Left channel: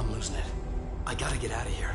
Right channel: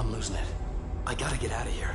I'm losing it. I gotta get out of here.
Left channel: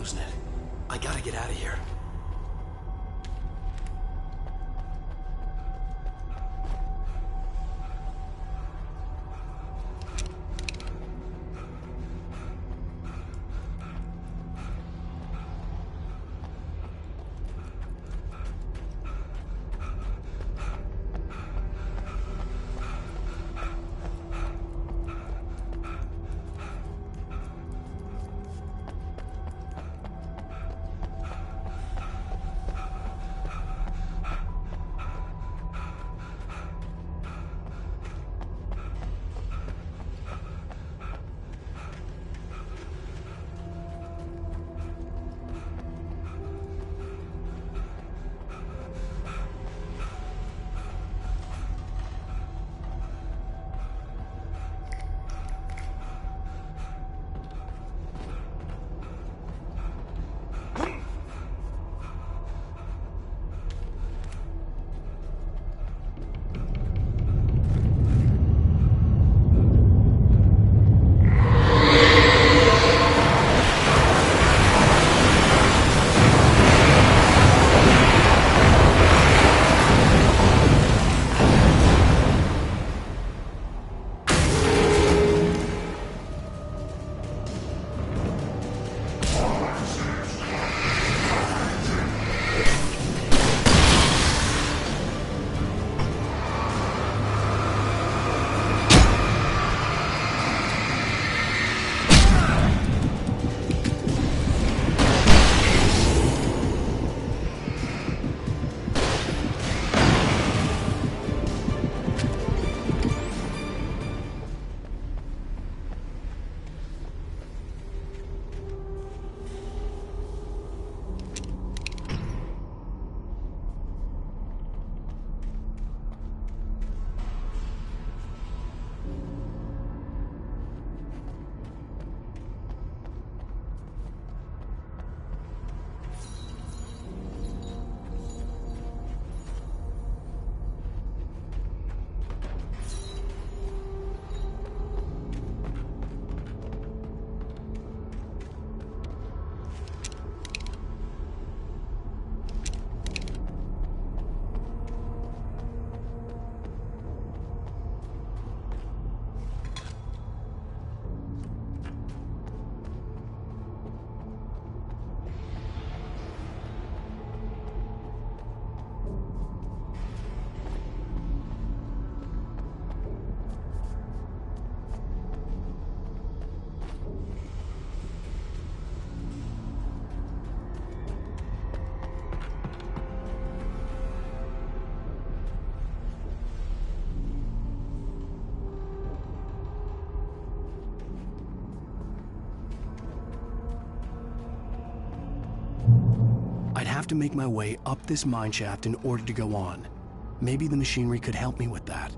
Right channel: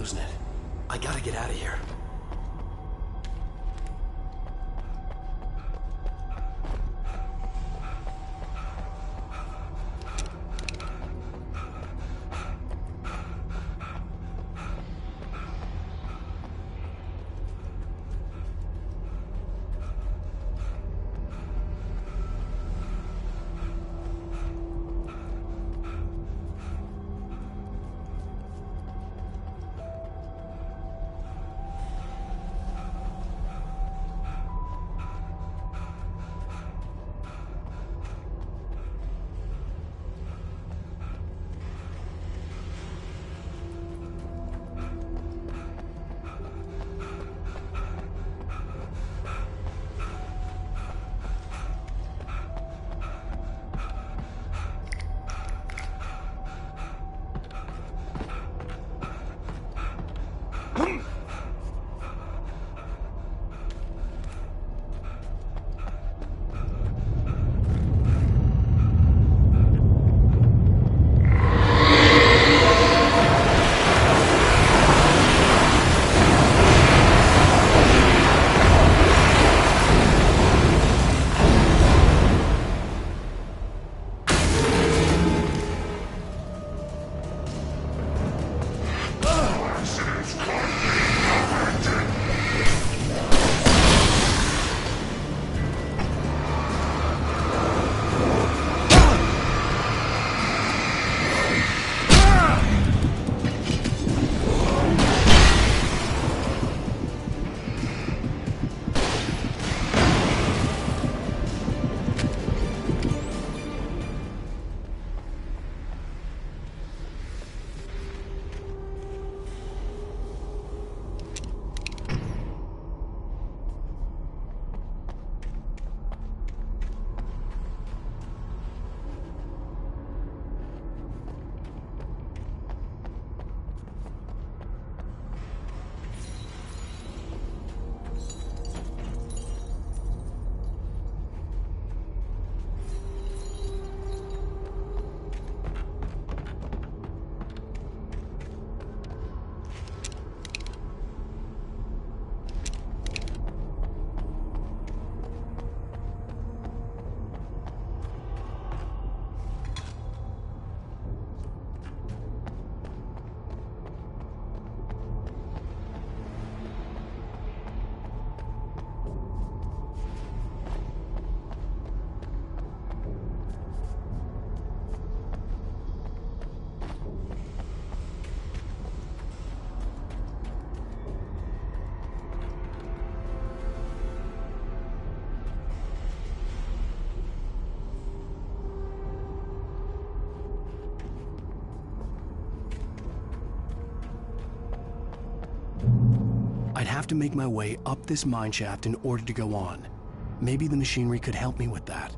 losing it. I gotta get out of here. I'd have to make my way up this mineshaft in order to go on. Maybe the machinery could help me with that.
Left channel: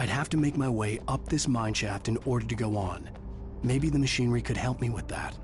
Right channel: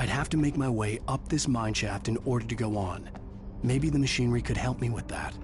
I'd have to make my way up this mine shaft in order to go on. Maybe the machinery could help me with that.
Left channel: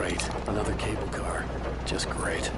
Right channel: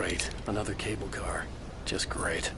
Great. Another cable car. Just great.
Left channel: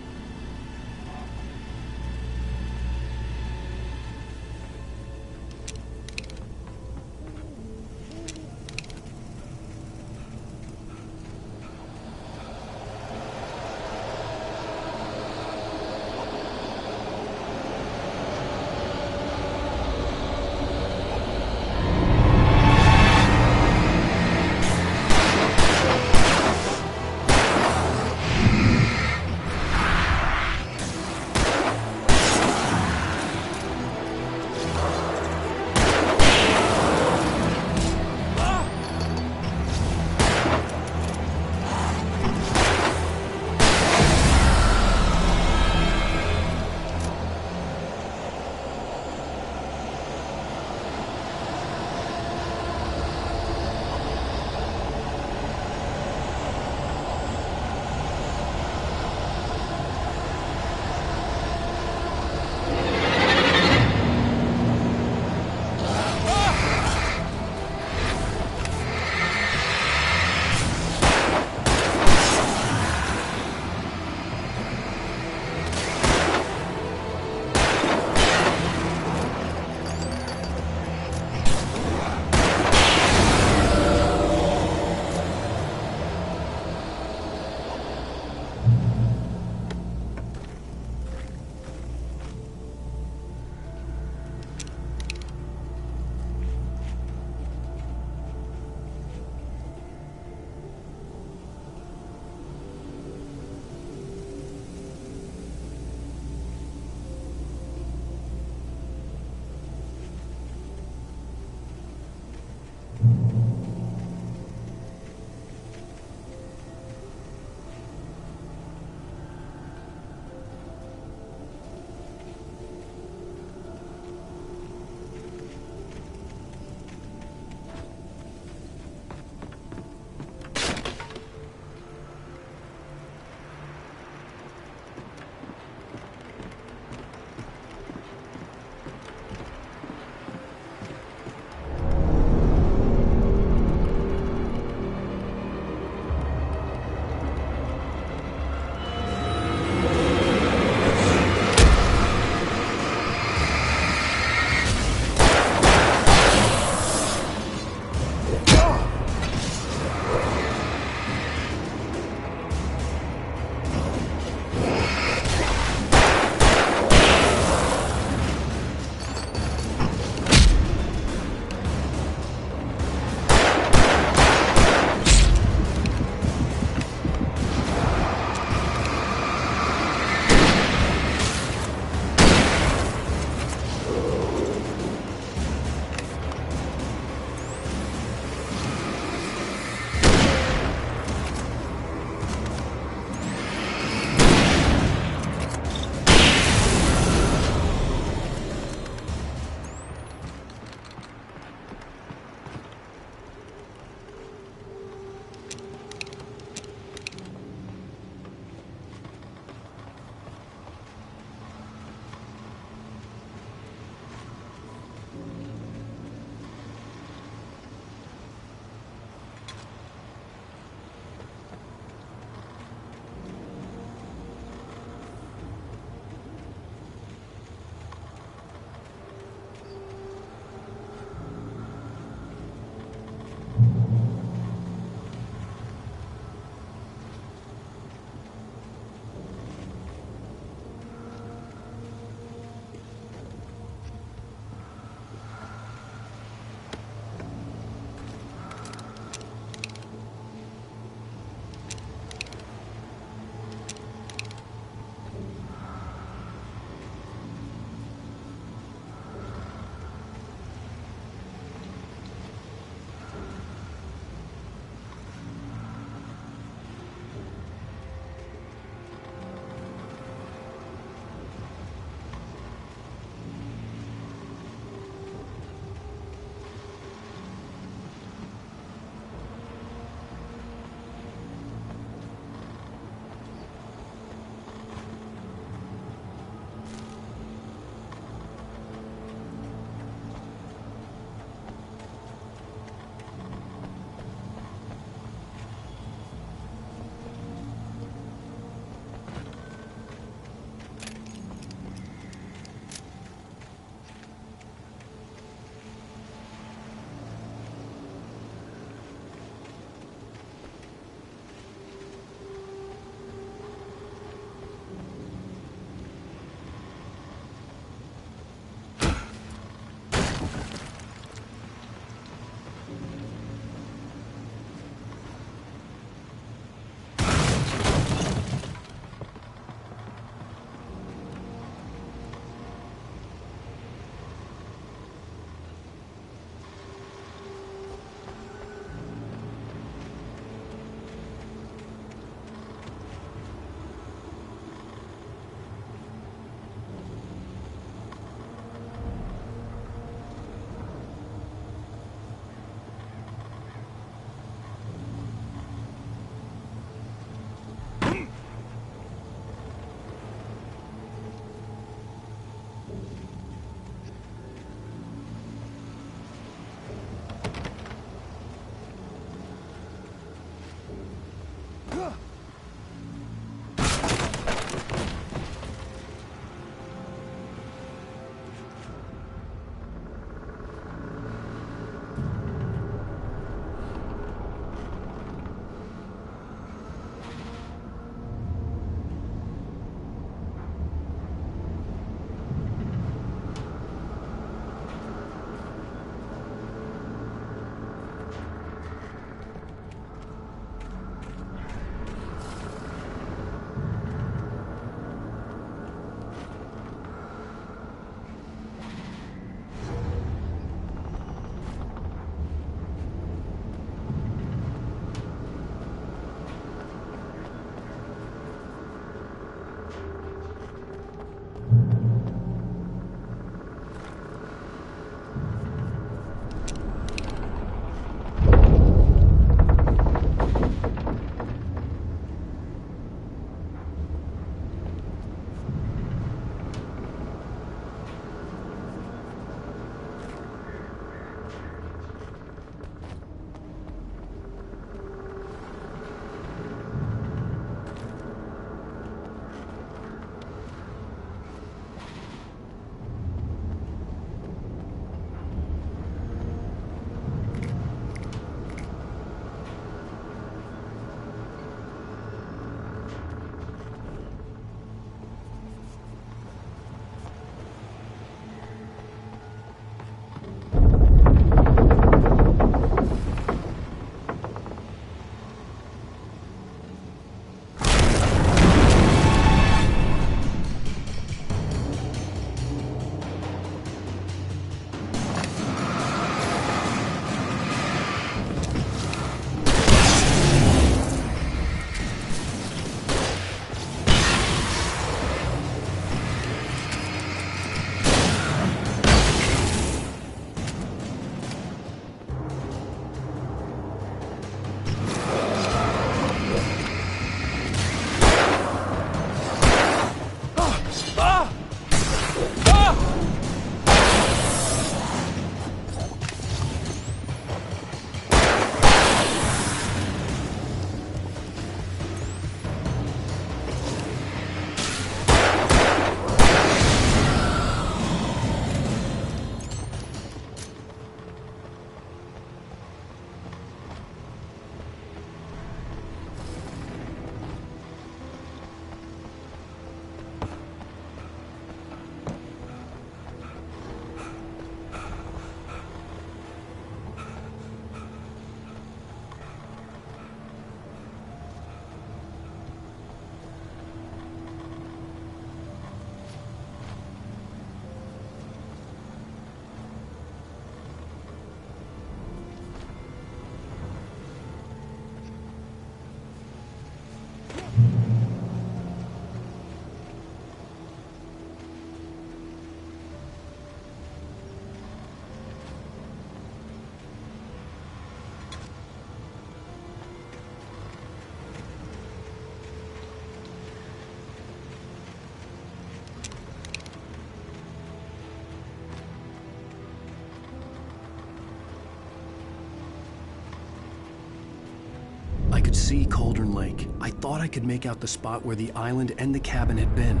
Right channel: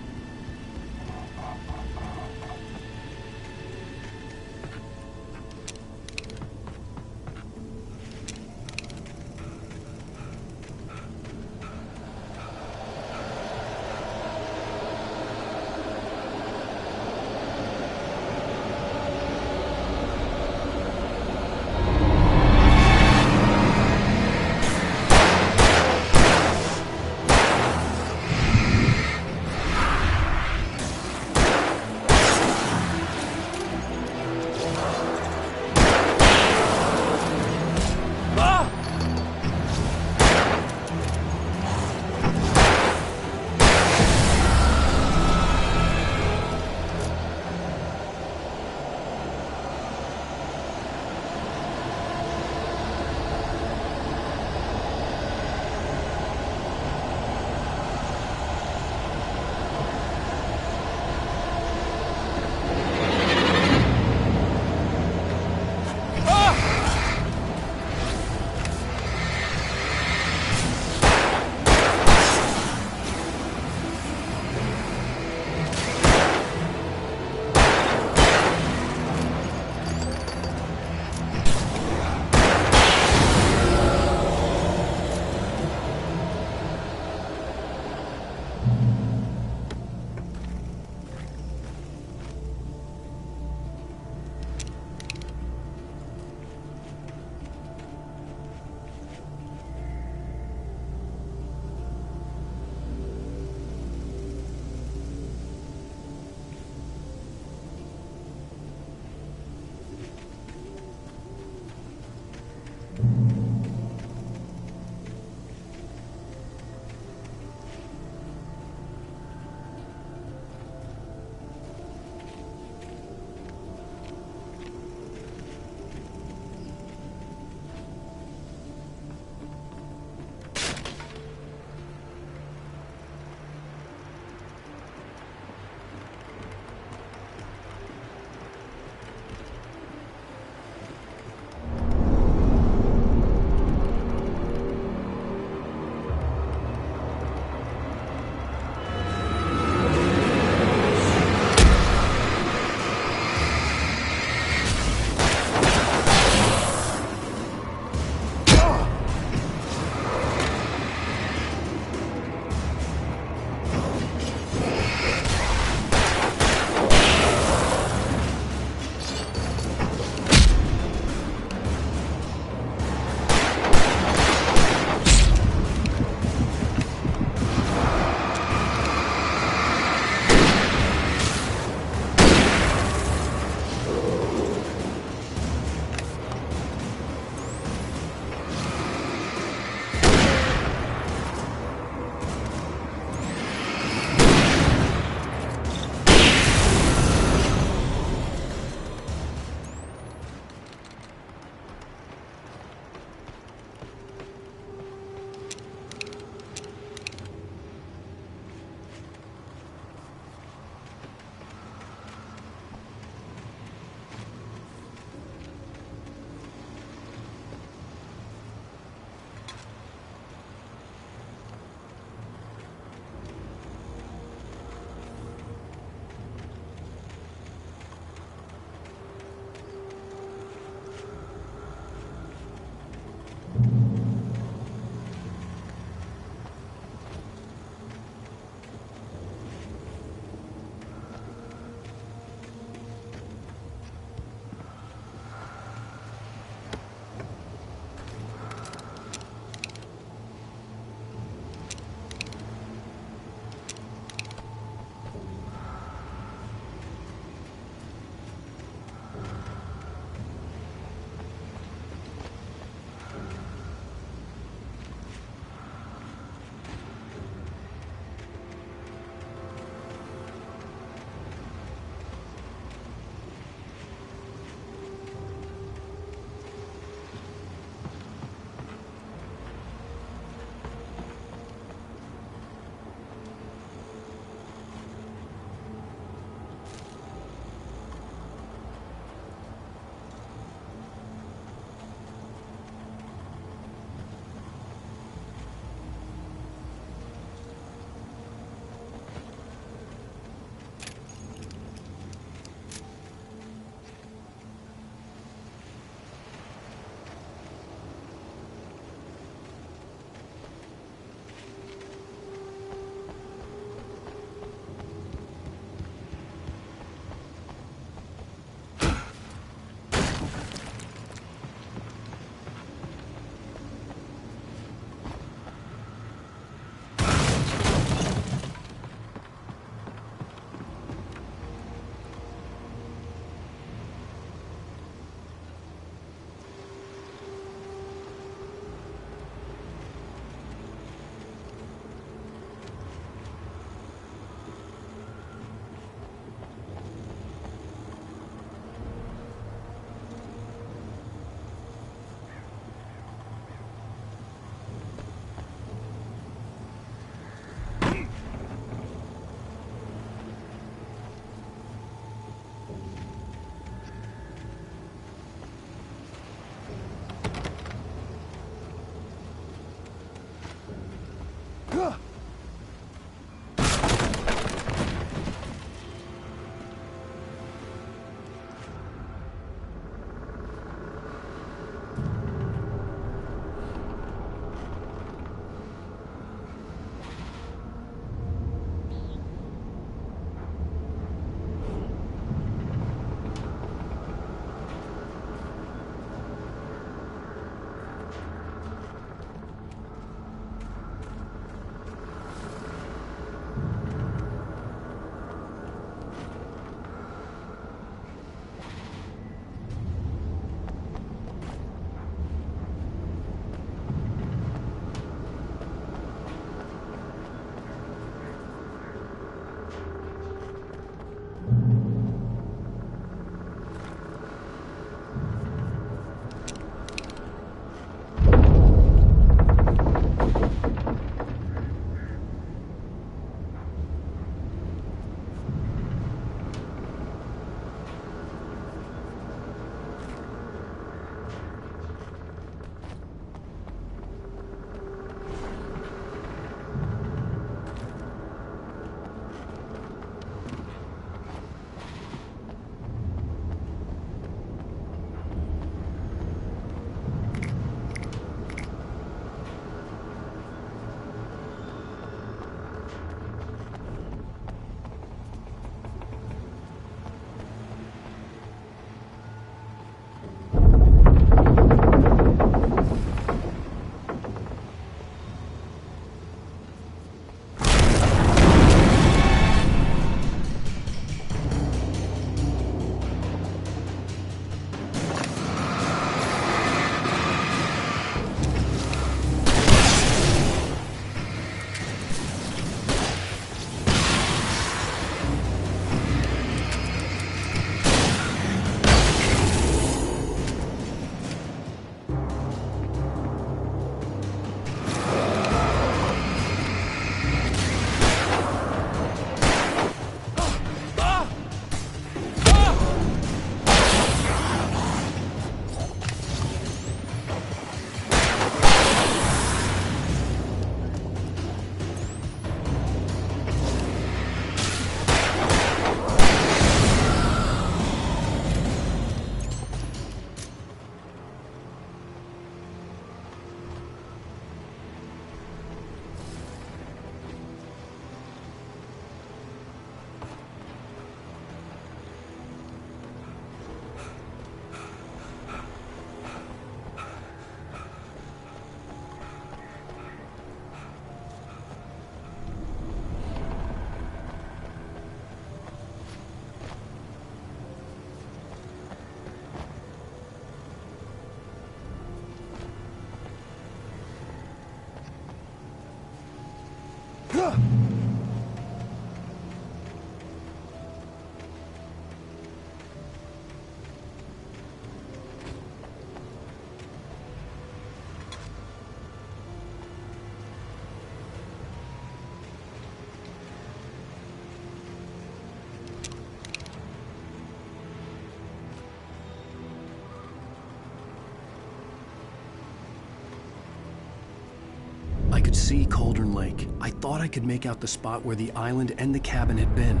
I could see Cauldron Lake. I thought I could make out the spot where the island and the cabin had been.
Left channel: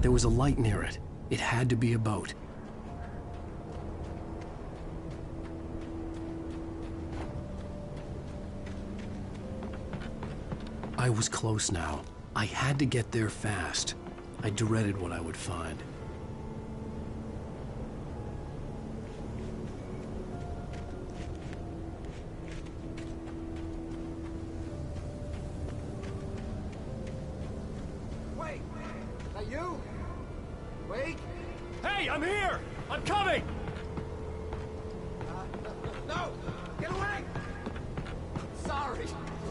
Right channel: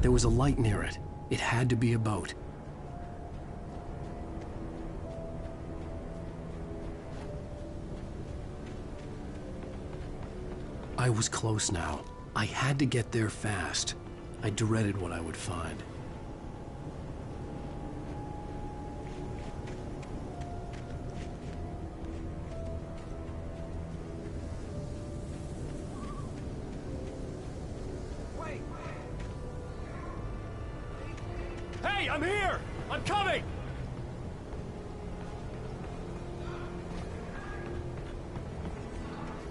There was a light near it. It had to be a boat. I was close now. I had to get there fast. I dreaded what I would find. Hey, I'm here! I'm coming! No! Get away! Sorry.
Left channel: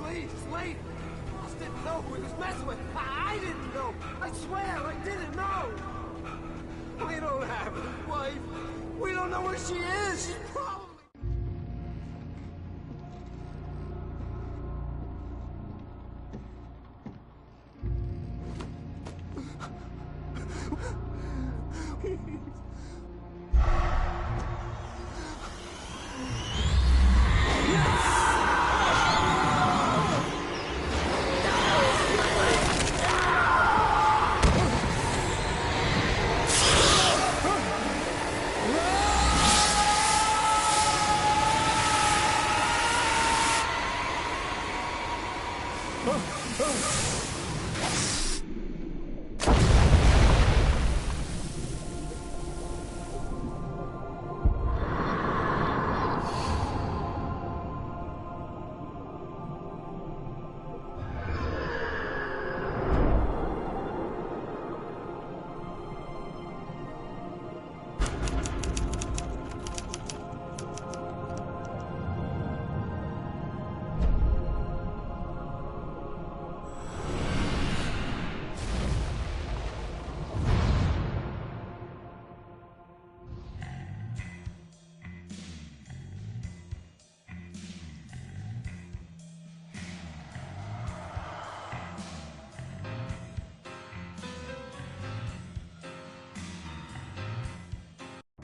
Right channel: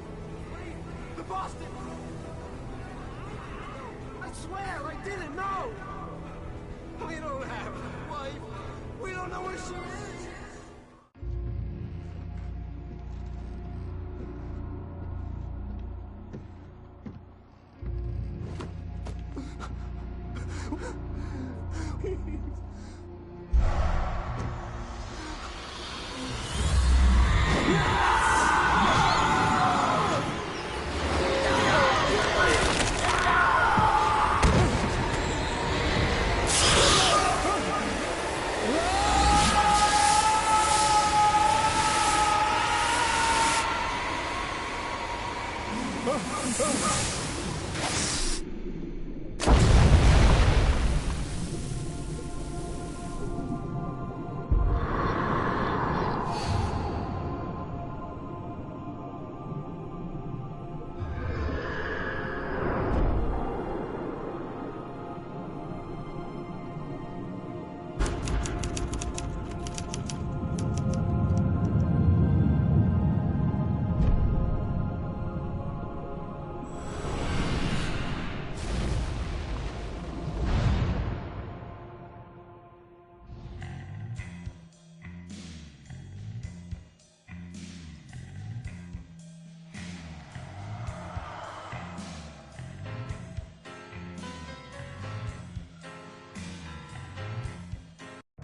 Please, wait! The boss didn't know who he was messing with. I didn't know! I swear, I didn't know! We don't have his wife. We don't know where she is. She's probably...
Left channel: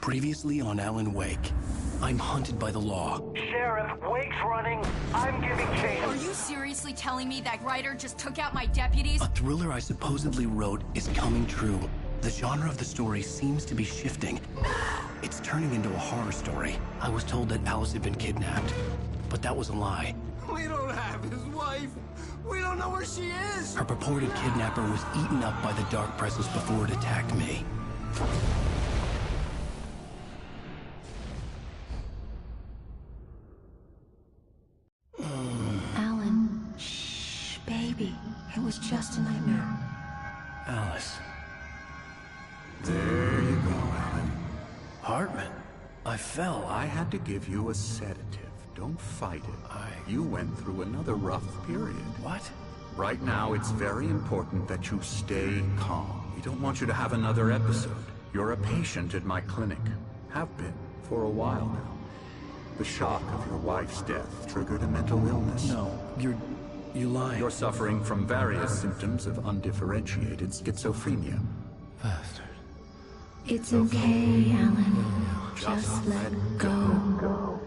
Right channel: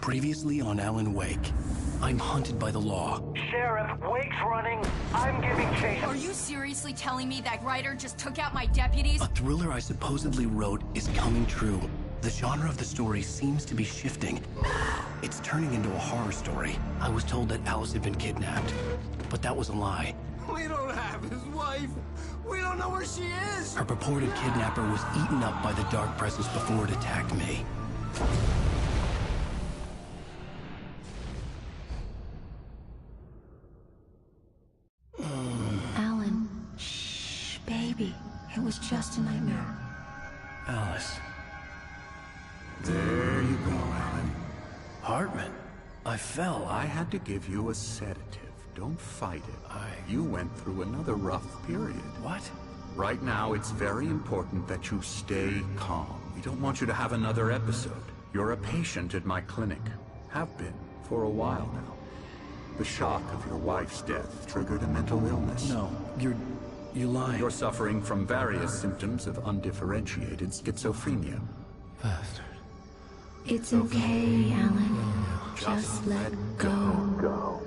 Previously on Alan Wake, I'm hunted by the law. Sheriff, Wake's running. I'm giving chase. Are you seriously telling me that writer just took out my deputies? A thriller I supposedly wrote is coming true. The genre of the story seems to be shifting. It's turning into a horror story. I was told that Alice had been kidnapped, but that was a lie. We don't have his wife. We don't know where she is. Her purported kidnapper was eaten up by the dark presence before it attacked me. Alan, shh, baby. It was just a nightmare. Alice. There you go, Alan. Hartman. I fell. I had to give you a sedative. Don't fight it. You went through another rough period. What? Right now, it's very important that you stay calm. We don't want you to have another episode. You're a patient at my clinic. Have been for a while now. The shock of your wife's death triggered a mental illness. No, you're lying. You're suffering from various symptoms of undifferentiated schizophrenia. Bastard. It's okay, Alan. Just let go.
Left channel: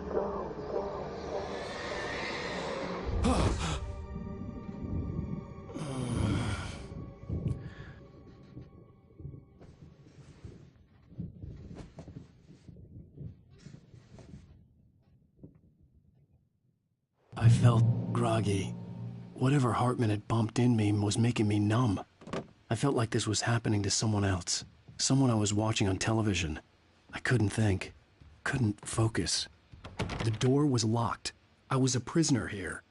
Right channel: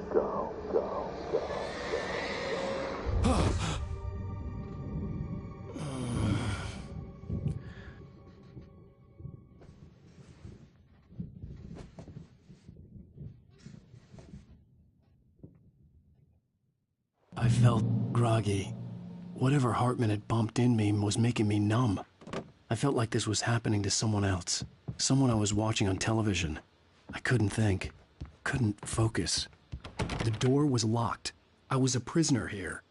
I felt groggy. Whatever Hartman had bumped in me was making me numb. I felt like this was happening to someone else. Someone I was watching on television. I couldn't think. Couldn't focus. The door was locked. I was a prisoner here.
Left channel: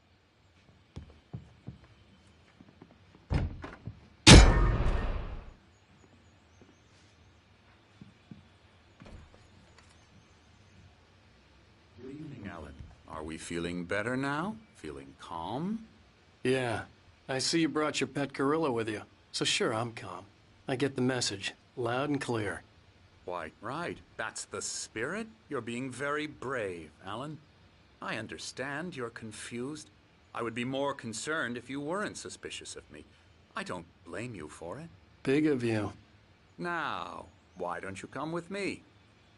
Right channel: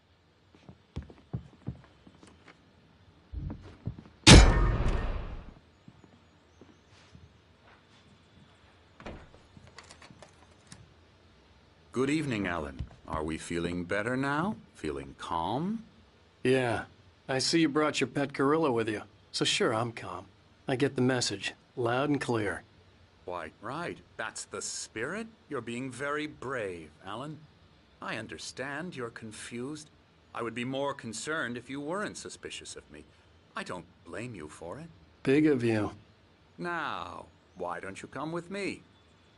Good evening, Alan. Are we feeling better now? Feeling calm? Yeah, I see you brought your pet gorilla with you. So sure, I'm calm. I get the message, loud and clear. Quite right. That's the spirit. You're being very brave, Alan. I understand you're confused. I would be more concerned if you weren't suspicious of me. I don't blame you for it. Big of you. Now, why don't you come with me?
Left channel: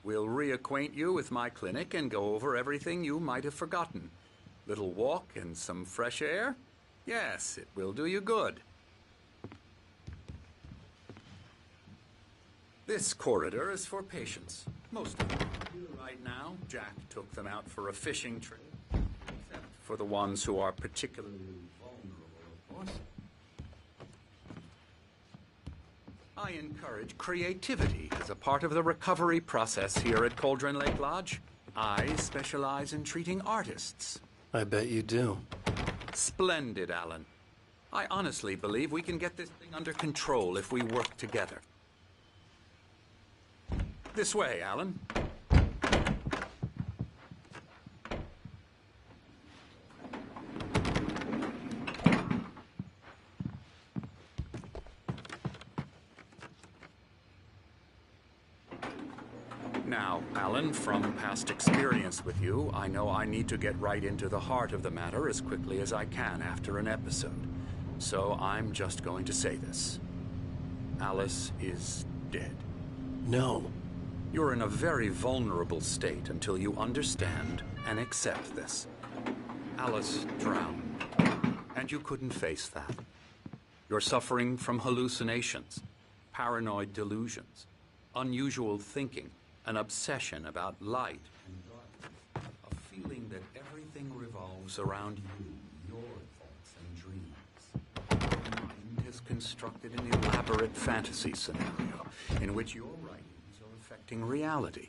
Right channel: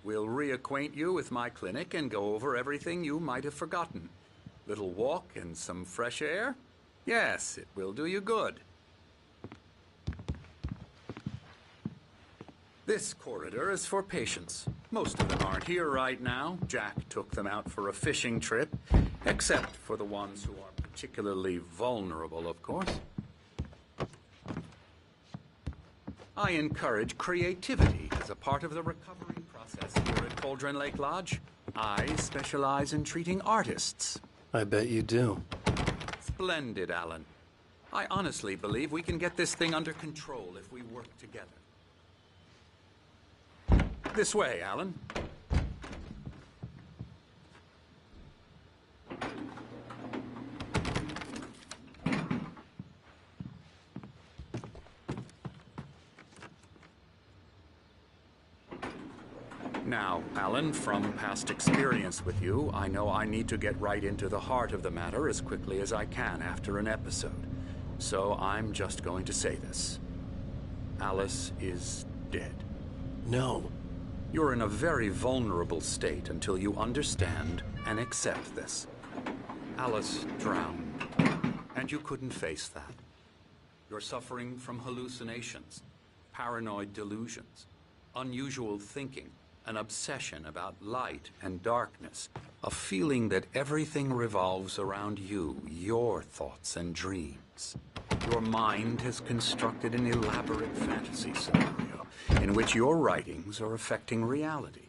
We'll reacquaint you with my clinic and go over everything you might have forgotten. Little walk and some fresh air? Yes, it will do you good. This corridor is for patients. Most of them aren't here right now. Jack took them out for a fishing trip, except for the ones who are particularly vulnerable, of course. I encourage creativity as a part of the recovery process here at Cauldron Lake Lodge. I specialize in treating artists. I bet you do. Splendid, Alan. I honestly believe we can get this thing under control if we work together. This way, Alan. Now, Alan, from past experience with you, I know I need to get right into the heart of the matter as quickly as I can after an episode. So I'm just going to say this. Alice is dead. No. You're in a very vulnerable state until you understand and accept this. Alice drowned, and you couldn't face that. You're suffering from hallucinations, paranoid delusions, unusual thinking, an obsession about light and darkness, a feeling that everything revolves around you, your thoughts and dreams. Your mind has constructed an elaborate fantasy scenario in which your writings are affecting reality.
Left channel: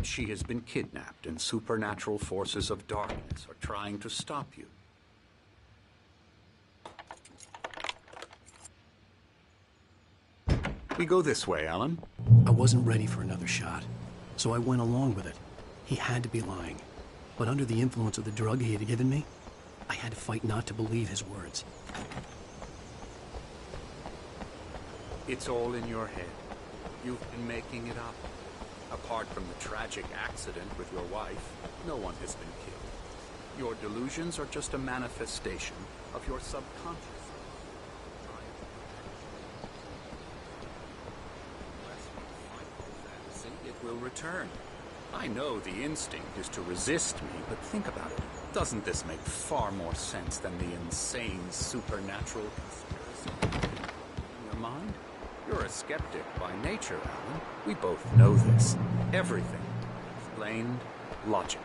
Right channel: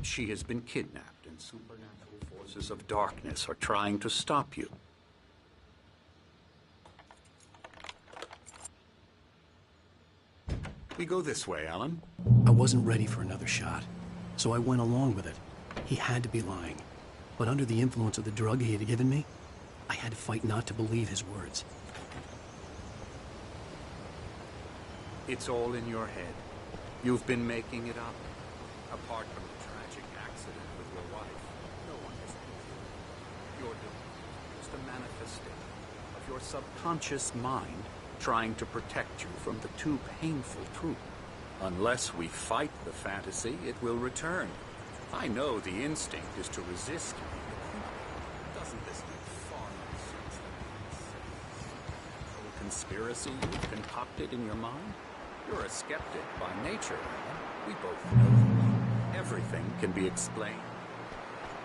She has been kidnapped and supernatural forces of darkness are trying to stop you. We go this way, Alan. I wasn't ready for another shot, so I went along with it. He had to be lying. But under the influence of the drug he had given me, I had to fight not to believe his words. It's all in your head. You've been making it up. Apart from the tragic accident with your wife, no one has been killed. Your delusions are just a manifestation of your subconscious mind trying to protect you from the too painful truth. Unless we fight the fantasy, it will return. I know the instinct is to resist me, but think about it. Doesn't this make far more sense than the insane supernatural conspiracy you've concocted in your mind? You're a skeptic by nature, Alan. We both know this. Everything can be explained logically.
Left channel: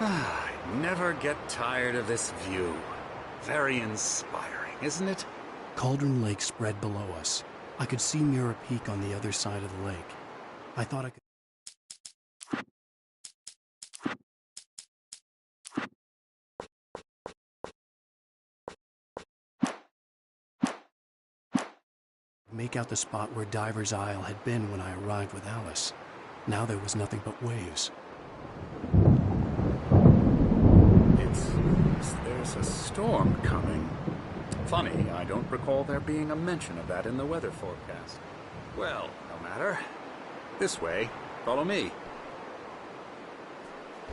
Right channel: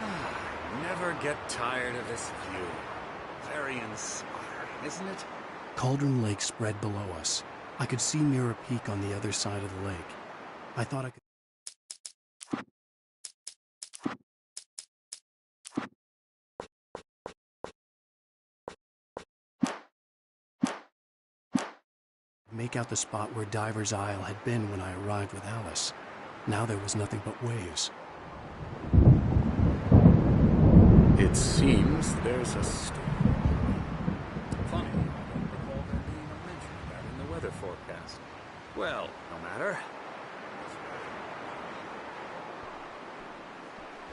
I never get tired of this view. Very inspiring, isn't it? Cauldron Lake spread below us. I could see Mirror Peak on the other side of the lake. I thought I could... make out the spot where Diver's Isle had been when I arrived with Alice. Now there was nothing but waves. It seems there's a storm coming. Funny, I don't recall there being a mention of that in the weather forecast. Well, no matter. This way. Follow me.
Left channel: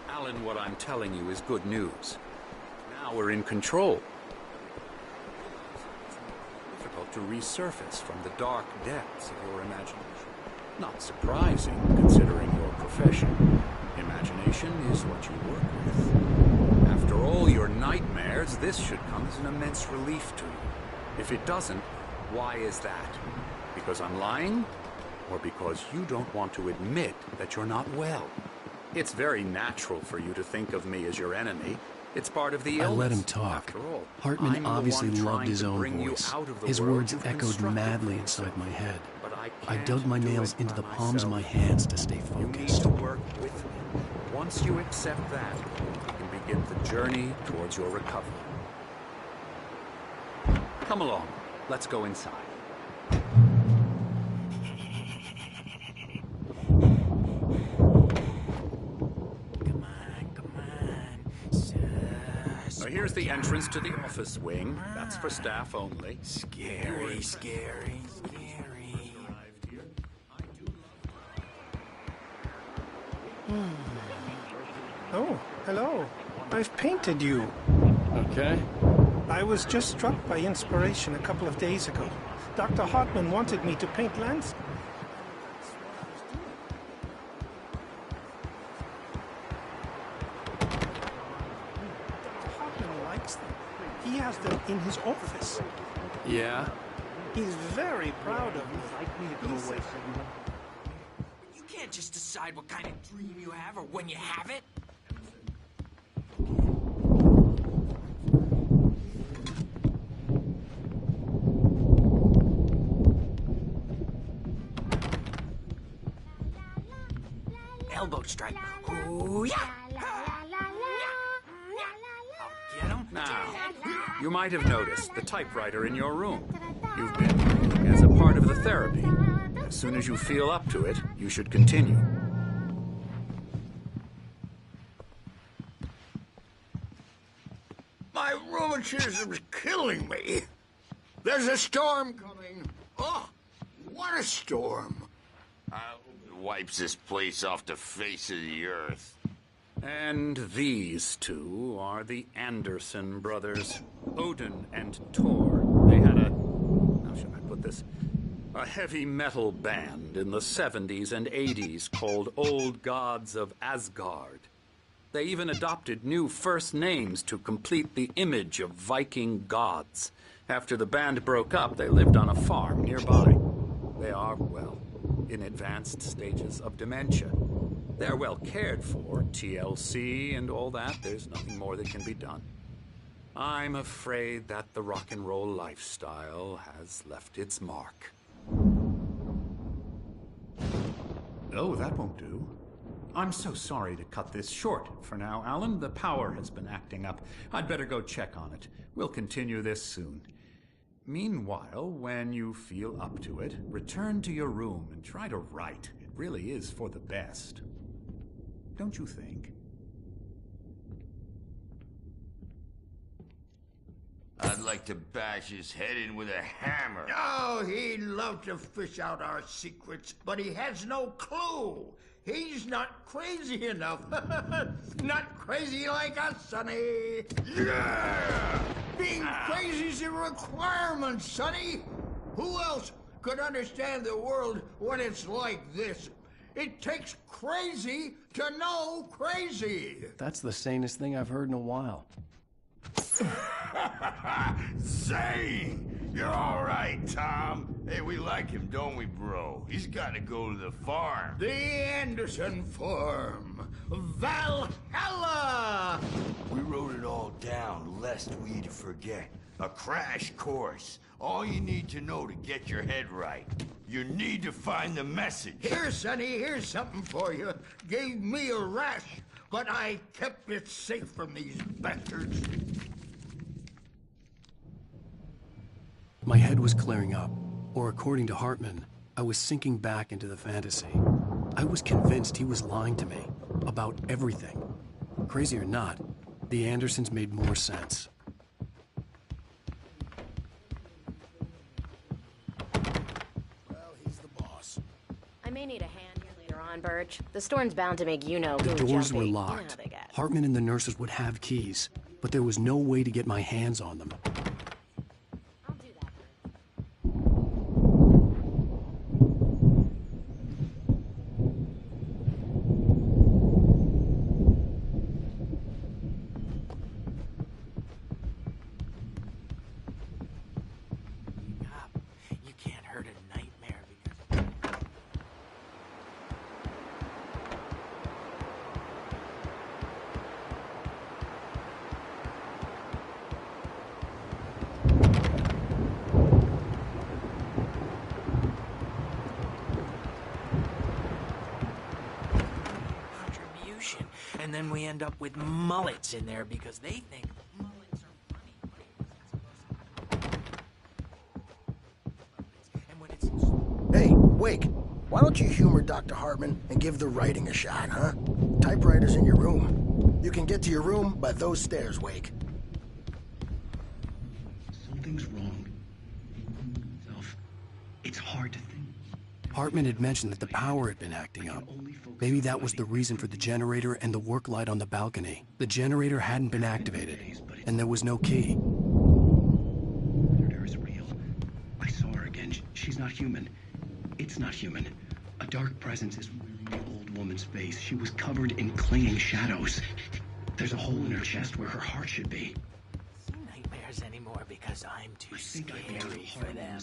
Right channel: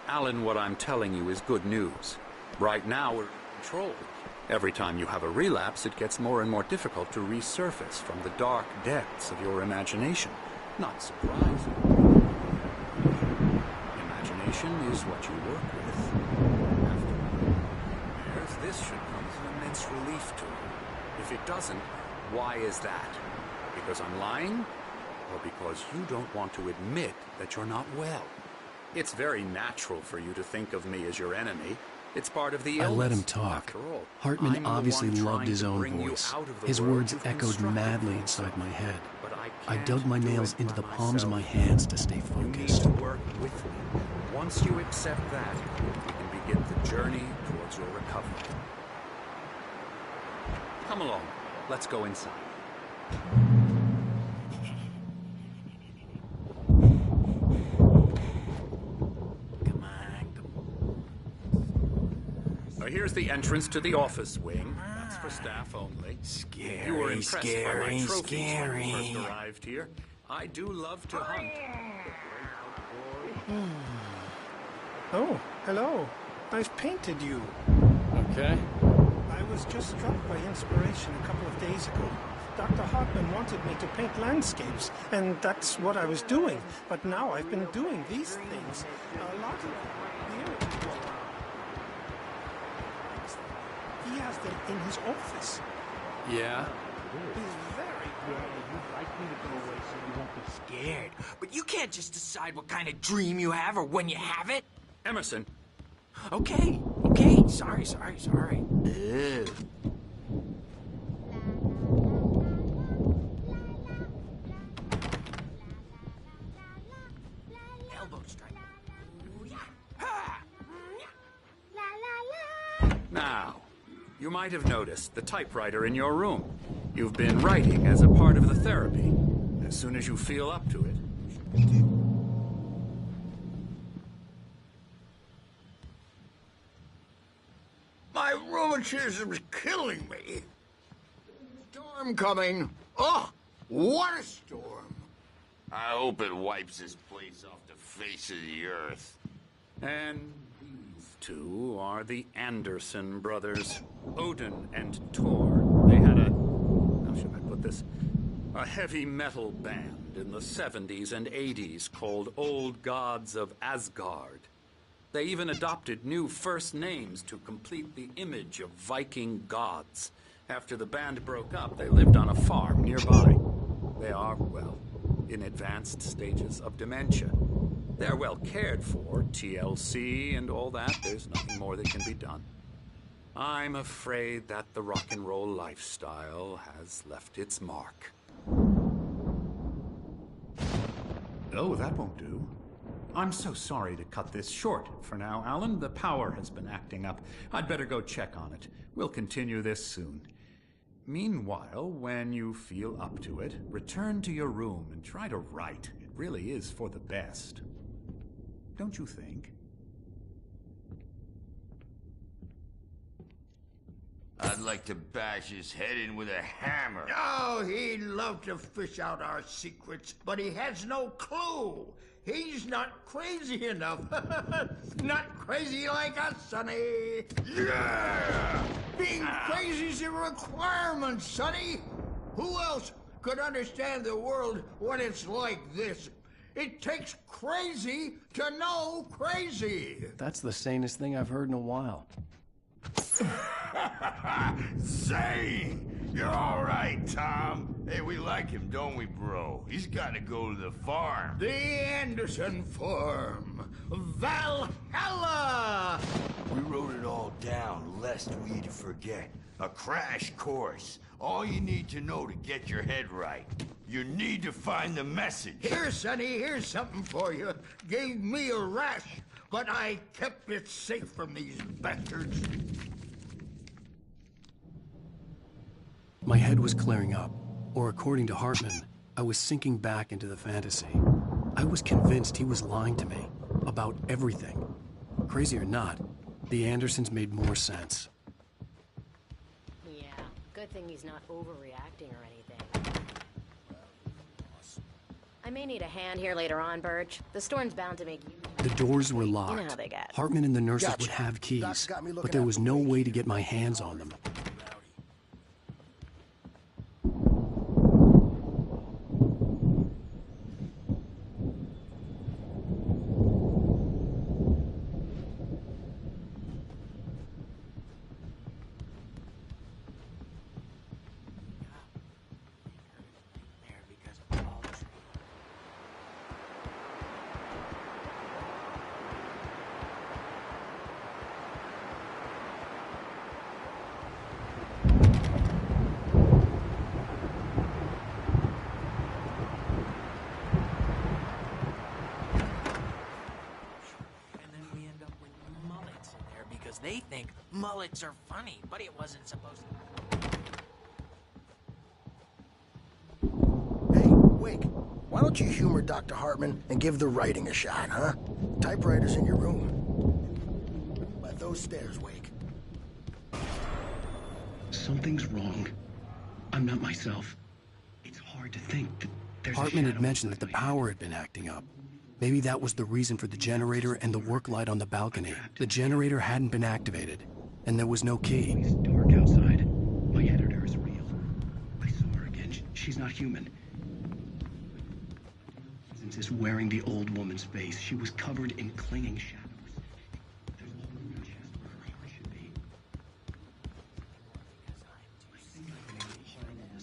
Alan, what I'm telling you is good news. Right now we're in control. Every time you have a relapse, it gets more and more difficult to resurface from the dark depths of your imagination. Not surprising, considering your profession. Imagination is what you work with. After all your nightmares, this should come as an immense relief to you. If it doesn't, why is that? Because I'm lying? Or because you don't want to admit that you're not well? It's very natural for you to think of me as your enemy. It's part of the I illness. let him talk. After all, Hartman I'm the obviously one loved trying his to own bring you voice. out of the His world words you've echoed constructed madly for inside yourself. my head. But I I can't dug my do nails it into by the palms of my myself. hands to stay You need focused. to work with me. Once you accept that, we can begin the journey towards your recovery. Come along. Let's go inside. Now, here's the entrance to the office wing. That's for staff only. You were impressed by my trophies when you first arrived here. I do love to hunt. Oh, hello. I've painted you. Okay. I was just struck by inspiration a couple of days ago. Dr. Hartman wanted me to paint landscapes, and that's what I was doing. But now I've been doing these things. A lot of them. Dr. Hartman likes them. He has them in his office. Yeah? He's very proud of them. You'd like me to go away so you won't be scared. But you can't just decide what kind of dream you have or when you have it. Emerson, Okay. Sorry. Ugh. Elbow strike. Ooh, yeah. now, you might have noticed the typewriter in your room. You've been writing as a part of the therapy. As soon as you feel up to it, you should continue. My rheumatism's killing me. There's a storm coming. Oh, what a storm. I hope it wipes this place off the face of the earth. And these two are the Anderson brothers, Odin and Tor. They had how should I put this? A heavy metal band in the 70s and 80s called Old Gods of Asgard. They even adopted new first names to complete the image of Viking gods. After the band broke up, they lived on a farm nearby. They are, well, in advanced stages of dementia. They're well cared for, TLC and all that. There's nothing more that can be done. I'm afraid that the rock and roll lifestyle has left its mark. Oh, that won't do. I'm so sorry to cut this short for now, Alan. The power has been acting up. I'd better go check on it. We'll continue this soon. Meanwhile, when you feel up to it, return to your room and try to write. It really is for the best. Don't you think? I'd like to bash his head in with a hammer. Oh, he'd love to fish out our secrets, but he has no clue. He's not crazy enough. Not crazy like us, Sonny. Yeah! Being crazy's a requirement, Sonny. Who else could understand the world when it's like this? It takes crazy to know crazy. That's the sanest thing I've heard in a while. Zane! You're all right, Tom. Hey, we like him, don't we, bro? He's got to go to the farm. The Anderson farm. Valhalla! We wrote it all down, lest we forget. A crash course. All you need to know to get your head right. You need to find the message. Here, Sonny, here's something for you. Gave me a rash, but I kept it safe from these bastards. My head was clearing up, or according to Hartman, I was sinking back into the fantasy. I was convinced he was lying to me about everything. Crazy or not, the Andersons made more sense. Yeah, good thing he's not overreacting or anything. Well, he's the boss. I may need a hand here later on, Birch. The storm's bound to make you know. The doors were locked. You know how they get. Hartman and the nurses would have keys, but there was no way to get my hands on them. And then we end up with mullets in there because they think mullets are funny, but it wasn't supposed to. And when it's... Hey, Wake, why don't you humor Dr. Hartman and give the writing a shot, huh? Typewriter's in your room. You can get to your room by those stairs, Wake. Something's wrong. I'm not myself. It's hard to think that there's... Hartman had mentioned that the power had been acting up. Maybe that was the reason for the generator and the work light on the balcony. The generator hadn't been activated, and there was no key. It's dark outside. My editor is real. I saw her again. She's not human. It's not human. A dark presence is wearing the old woman's face. She was covered in clinging shadows. There's a hole in her chest where her heart should be. Nightmares anymore because I'm too scared for them.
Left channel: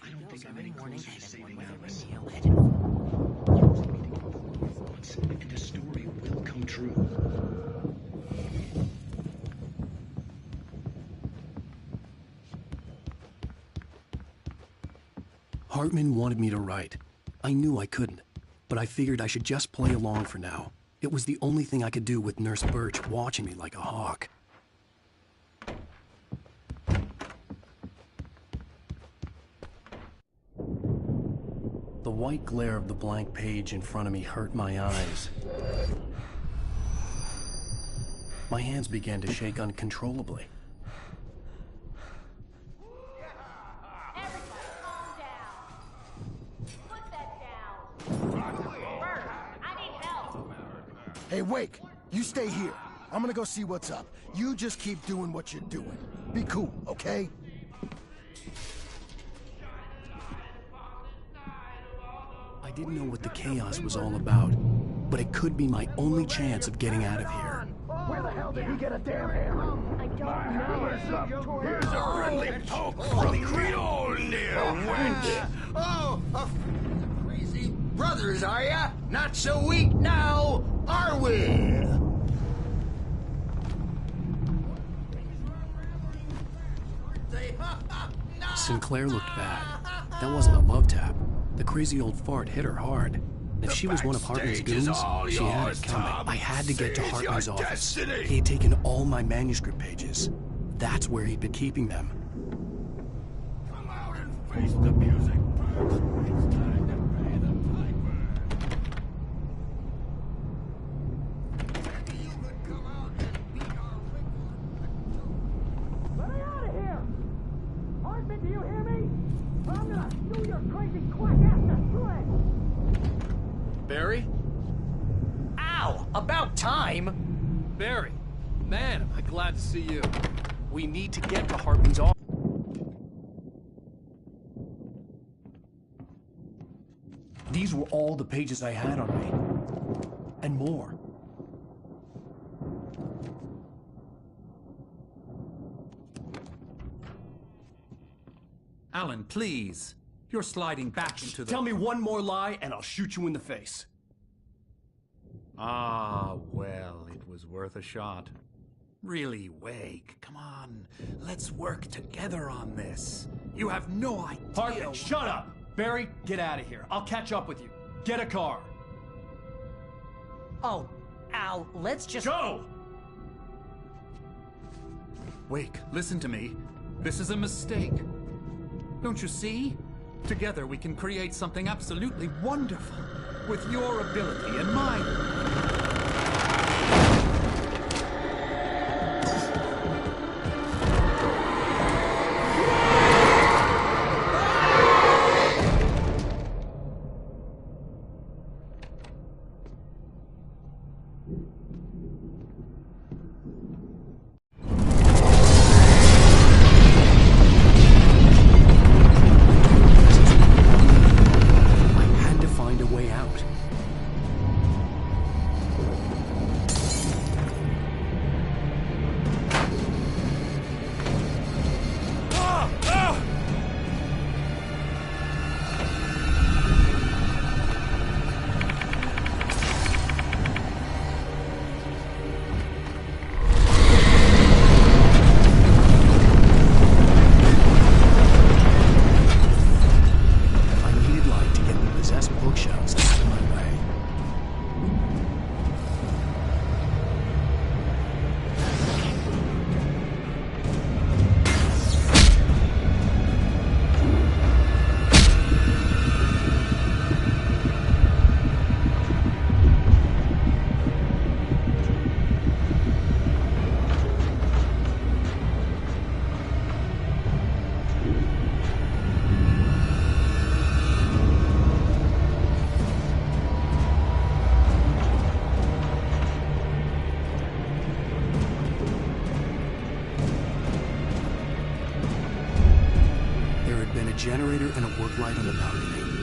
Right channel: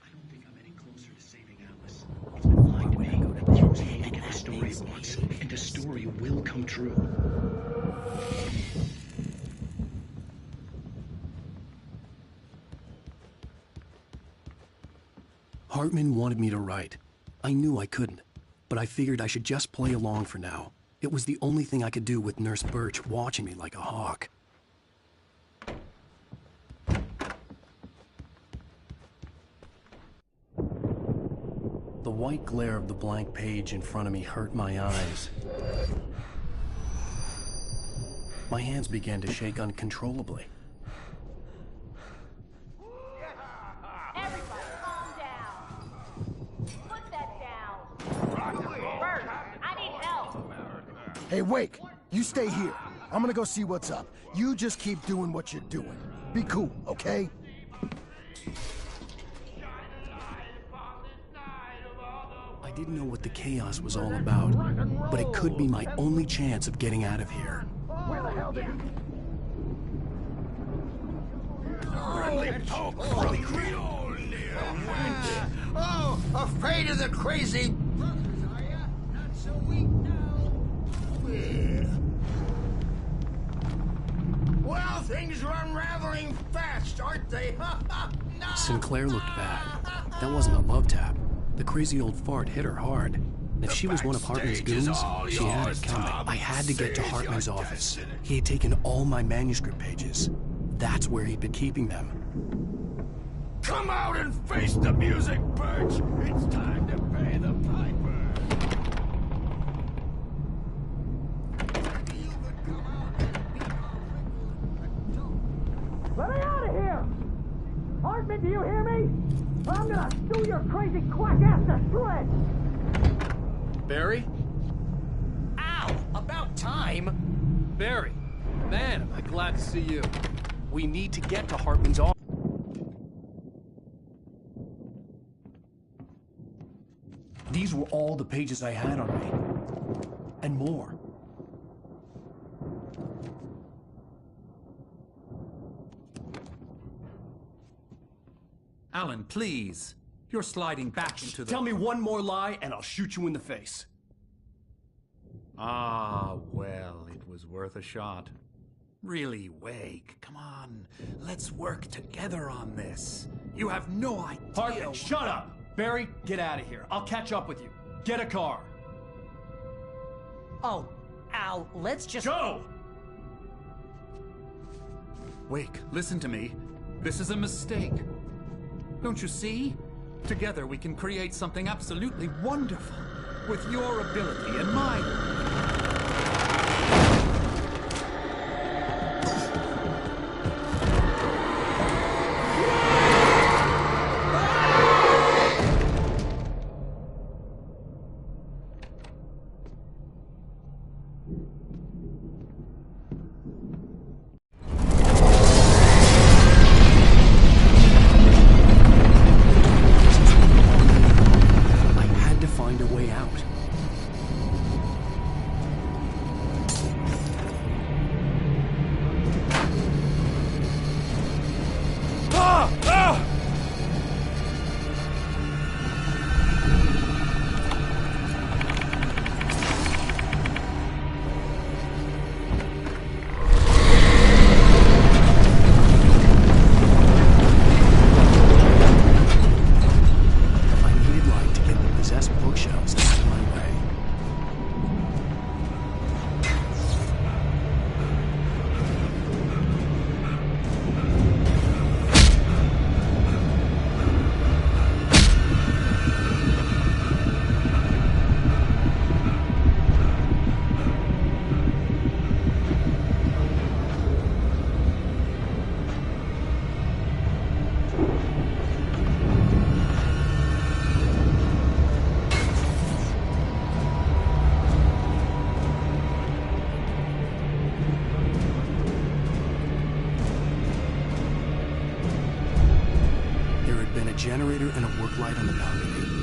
I don't think I'm any closer to saving Alice. It's been lying to me. Use me to get the story it wants, and the story will come true. Hartman wanted me to write. I knew I couldn't, but I figured I should just play along for now. It was the only thing I could do with Nurse Birch watching me like a hawk. The white glare of the blank page in front of me hurt my eyes. My hands began to shake uncontrollably. Everybody, calm down. Put that down. Bert, I need help. Hey, Wake, you stay here. I'm gonna go see what's up. You just keep doing what you're doing. Be cool, okay? I didn't know what the chaos was all about, but it could be my only chance of getting out of here. Where the hell did he get a damn hammer? Here's a friendly poke from Creole near wench. Oh, afraid of the crazy brothers, are ya? Not so weak now, are we? Well, things are unraveling fast, aren't they? No. Sinclair looked bad. That wasn't a love tap. The crazy old fart hit her hard. And if she was one of Hartman's goons, she had it coming. I had to get to Hartman's office. He had taken all my manuscript pages. That's where he'd been keeping them. Come out and face the music, Birch! It's time to pay the piper! Maybe you could come out and beat our record. Let me out of here! Hartman, do you hear me? I'm gonna stew your crazy quack ass to shreds! Barry? Ow! About time! Barry! Man, am I glad to see you. We need to get to Hartman's office. These were all the pages I had on me. And more. Alan, please. You're sliding back into the... Tell me one more lie and I'll shoot you in the face. Ah, well, it was worth a shot. Really, Wake, come on. Let's work together on this. You have no idea... Hartman, shut up! Barry, get out of here. I'll catch up with you. Get a car. Oh, Al, let's just... Go! Wake, listen to me. This is a mistake. Don't you see? Together we can create something absolutely wonderful. With your ability and mine. Find a way out. Bookshelves out of my way. generator and a work light on the balcony.